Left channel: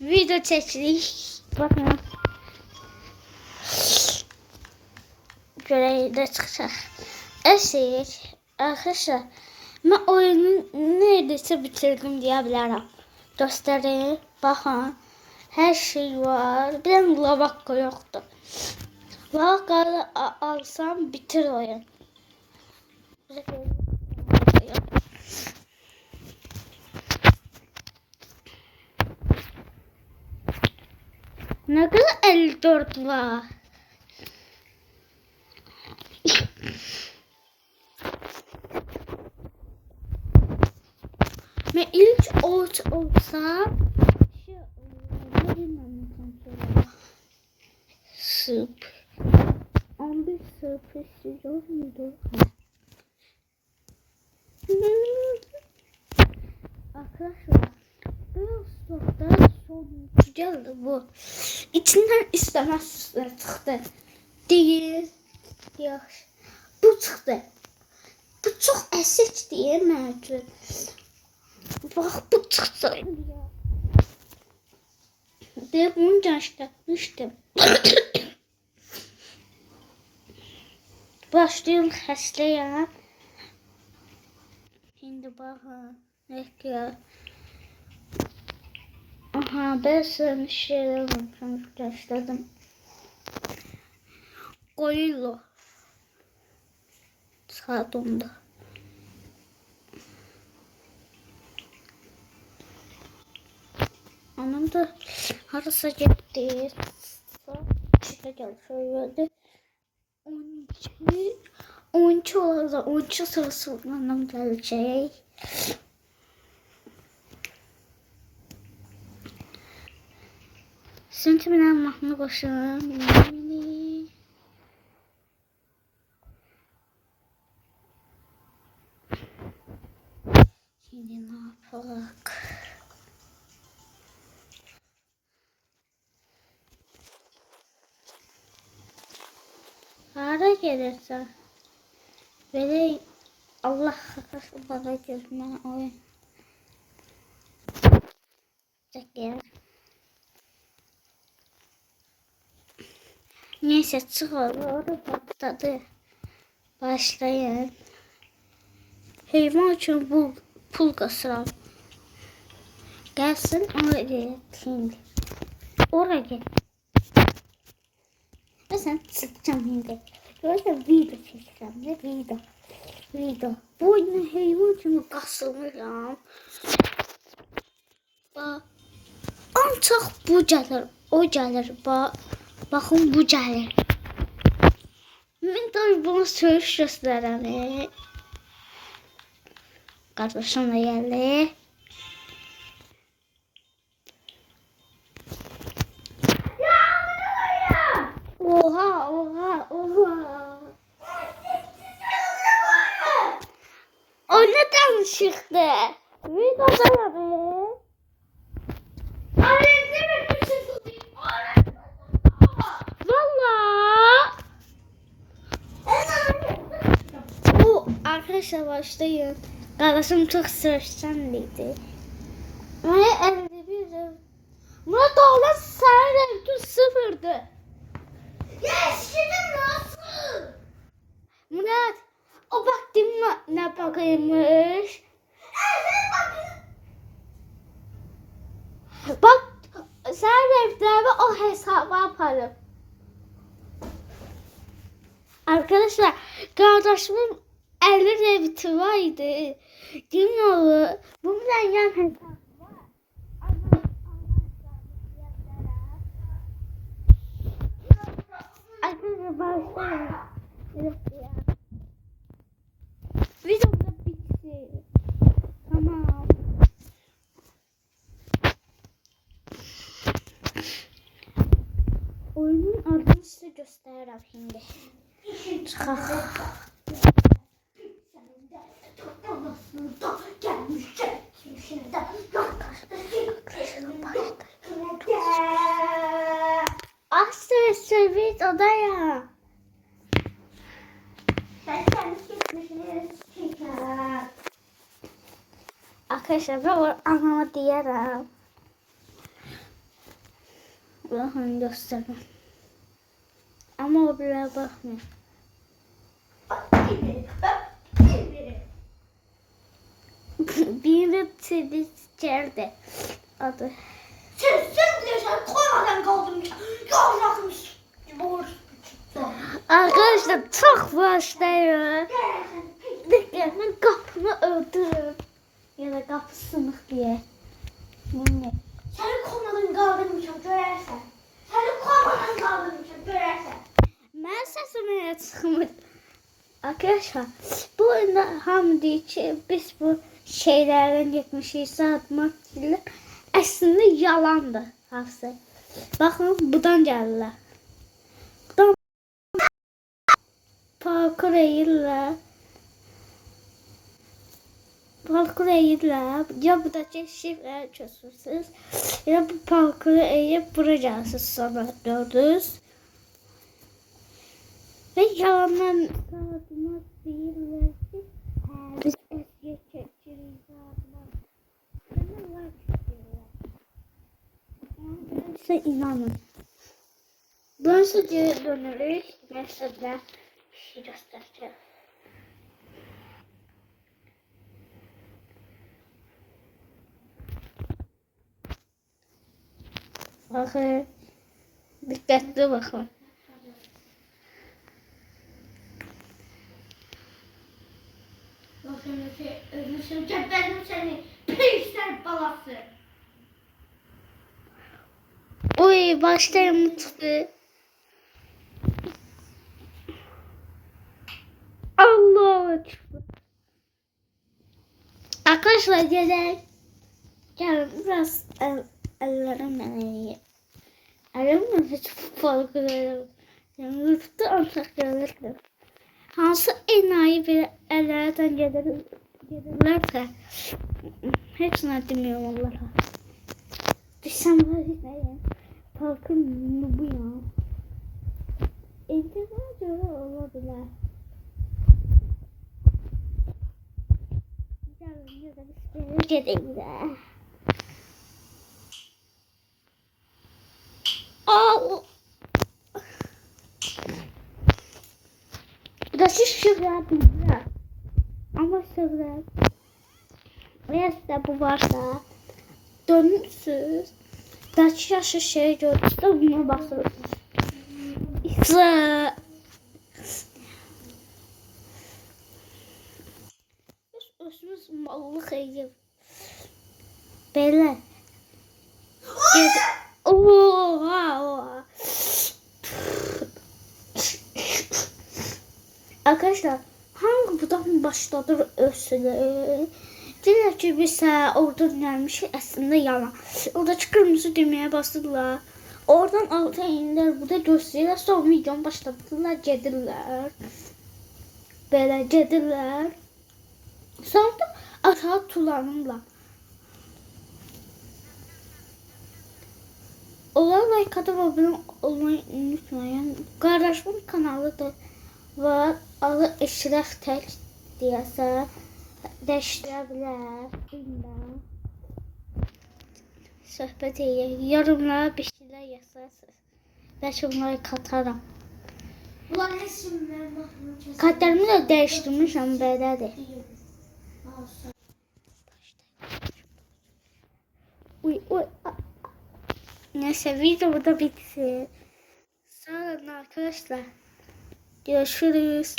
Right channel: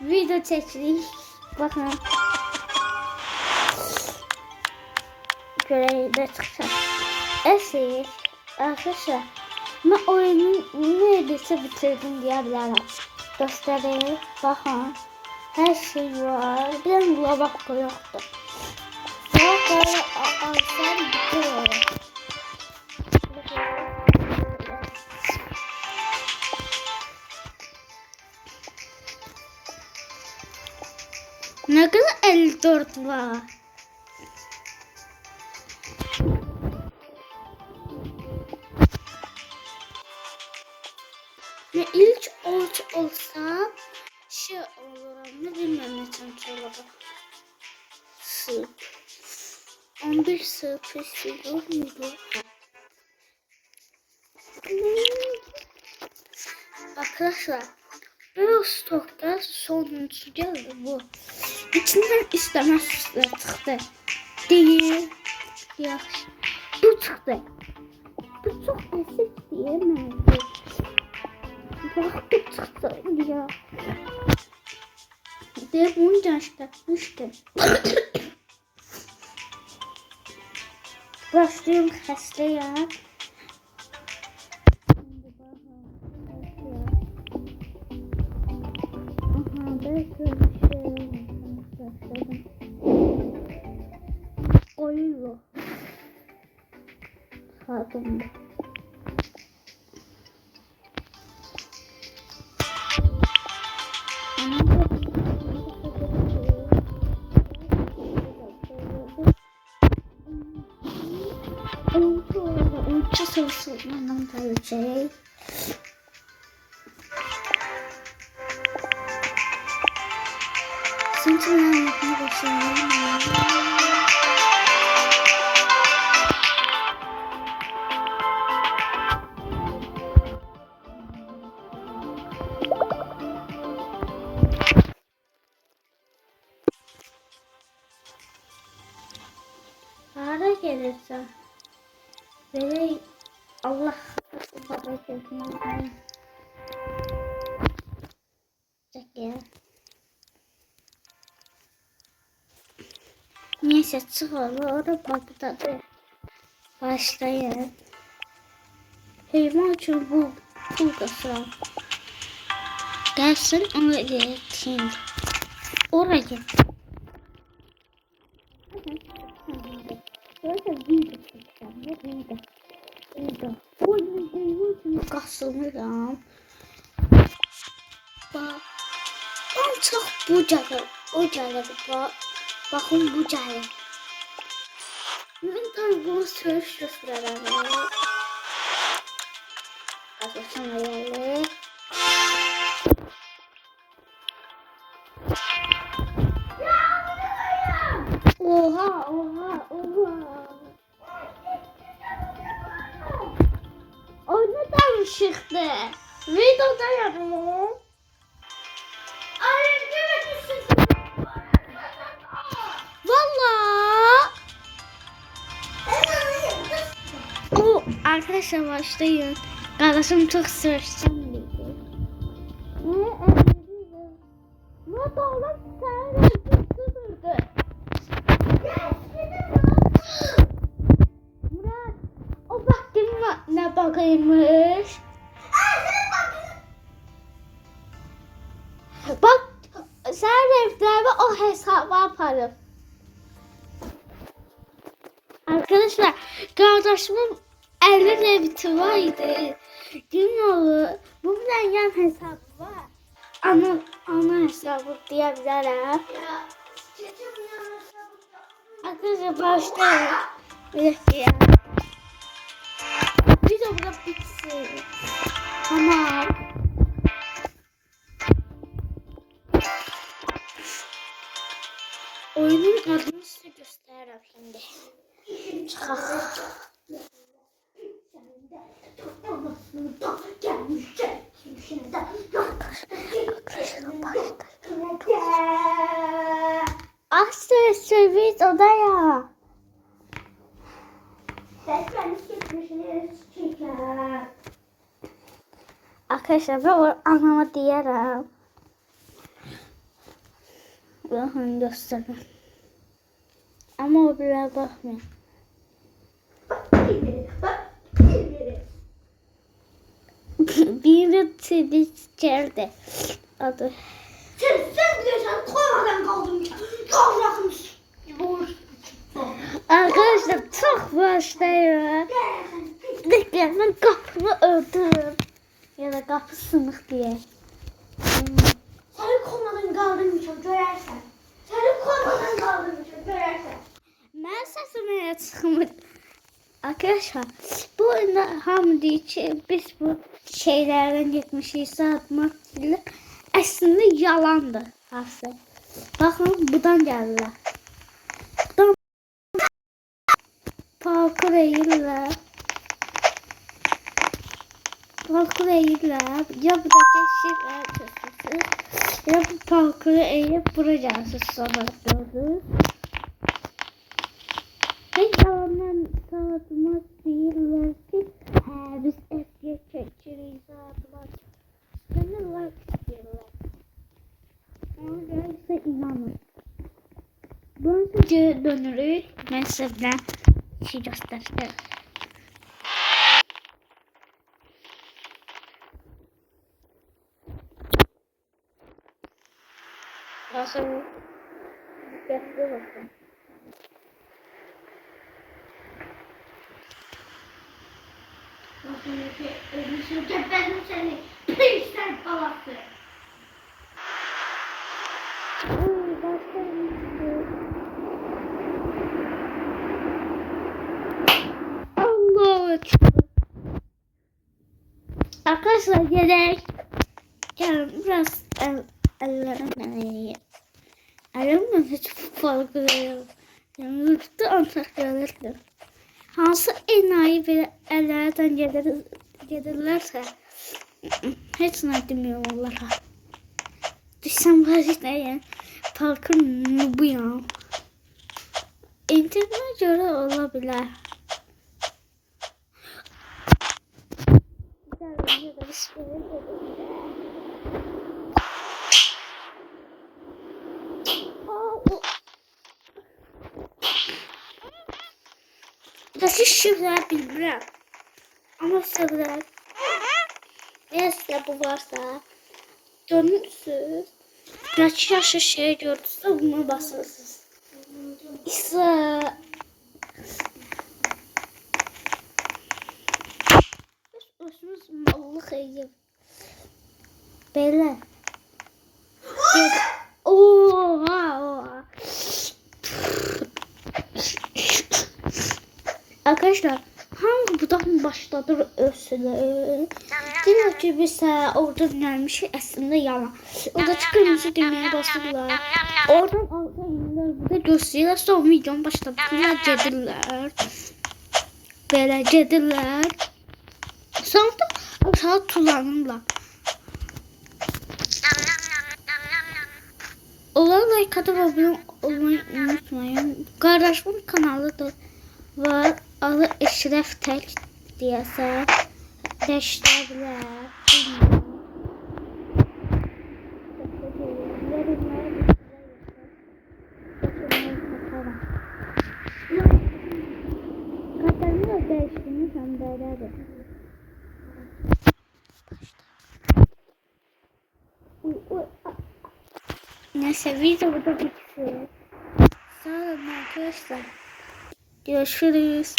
Video çekirik. Bakın. Göreyi de çıkacak. Eşik. Arkadaşlar. Ben oyunu neredeyse bitirdim diyebilirim. Göstereyim. Bakın. Her şey var. Bir de lavabo yoktu. Lavabo alsam bitir oyun. Ne kadar 54 var. Ve ilk olsa şey olur. Ne bilmem ne tanıtıyorlar. Sıp. 11 sıp istiyor muydu? Arkadaşlar. Bu stokta sonuncu geldi bu. İçinden istemez çıktı. Değil. Yaxşı. Bu çıktı. Bu çok əsik diye mevcut. Bak bu çıktı ya. De bunu göstermiştim. Başlıyorum xəstəyəm. Şimdi bakın. Bekliyor. Aha ben sana bir şeyler gösterdim. Gorillo. Saat 10'da. Anam da arası gitti. İşte geldi. 12 oldu. 12 sorusu anam gelecek. Şimdi ben anlatmaya başlayalım. Para gelirse böyle Allah para gelmez. Çeker. Neyse çıkarır patladı. Başlayın. Heyvan için bu pul kasıram. Gelsin oraya şimdi. Oraya. Ve sen sıkacağım şimdi. Böyle video çekeceğim. Video. Bu oyunu heyvan için kasılmışam. Bak. Ancak bu gelir. O gelir. Bak. Bakın bu gelir. Ben tabii bunu söğüş göstereyim. Kardeşimle geldi. Oha. O neden çıktı? Videoda yapalım. Valla. O arkadaşlar başlayın. Kardeşim çok sırçanlıydı. Ve 51'di. Murat oğlan sen de sıfırdı. Şimdi nasıl? Murat o baktım ne bakaymış. Bak sen evde o hesabı yaparım. Arkadaşlar kardeşimin 50 reviti vardı. Gün olur. Bundan yan hesabı var. Ana hesabı diyebilirim. Arkadaşlar başlayalım. Bir dakika. Video burada bitsin. Tamam. Oyunun adını size göstereyim şimdi. Asya servis odaya. Arkadaşlar ben anlama diyelim. Bakın göstereyim. Ama o bile bakmıyor. Biri Twitter'de adı. Sen diyorsan koymadan kaldım ya. Yavrakmış. Arkadaşlar çok başlıyor. Dediklerinin kapını öldürürüm. Ya da kapı sınık diye. Seni koymadan kaldırmışım görersen. Seni koymadan kaldırmışım görersen. Ben sesime çıkmış. Arkadaşlar bu oyunda hamı deyir ki biz bu şeylerden getmişik atmak ile aslında yalandır hafsa. Bakın buradan gəlirlər. Buradan parkur edirlər. Parkur edirlər. Ya buradaki şifrələri çözürsünüz. Ya bu parkuru eğip bura gelsiniz sonra gördünüz. Ve yalandan sağlamak değiller ki biz eskiye çekçiriyiz sağlamak. Bana like istiyorlar. Ona göre size inanın. Burası geri dönürük. Mesela bir şey göstereceğim. Bakın. Dikkatli bakın. Ölmüşüm geberdim seni. Pisler balası. Uy başlayalım çıktı. Allah çıktı. Arkadaşlar gerek. Gelin biraz ellerimle. Elimle hiç farkındayım. Yani yurtta ancak gelirdim. Hansı enayi bir ellerden gelirlerse hiç ne demiyorum onlara. Düşsem vaziyetleyen parkur bu ya. İnternete göre olabilir. Gelin de bir şey gidelim. Burası şifre bilmiyorum. Ama sebebi neyse bu varsa dönürsünüz. Kaç yaşı şey gördünüz buna basırsınız. İşte özümüz mallık edip böyle oha. Arkadaşlar hangi budan başladır ölsün? Diyor ki biz oradan gelmiş aslında yalan. Orada kırmızı düğmeye basırlar. Oradan alta inler. Burada gösteriyorlar. Son videonun başladılar gedirler. Böyle gedirler. Sonra da aşağı tulanırlar. Olan like atıp abone olmayı unutmayın. Kardeşimin kanalı da var. Adı Eşref Tek diyese dəyişdirilər. Bilmiyorum. Söhbət edir. Yorumlara bir şeyler yazarsınız. Ben şunları katarım. Kartlarımı da değiştirmişim belədir. Uy. Neyse video burada bitsin. Sağ olun arkadaşlar. Görüşürüz.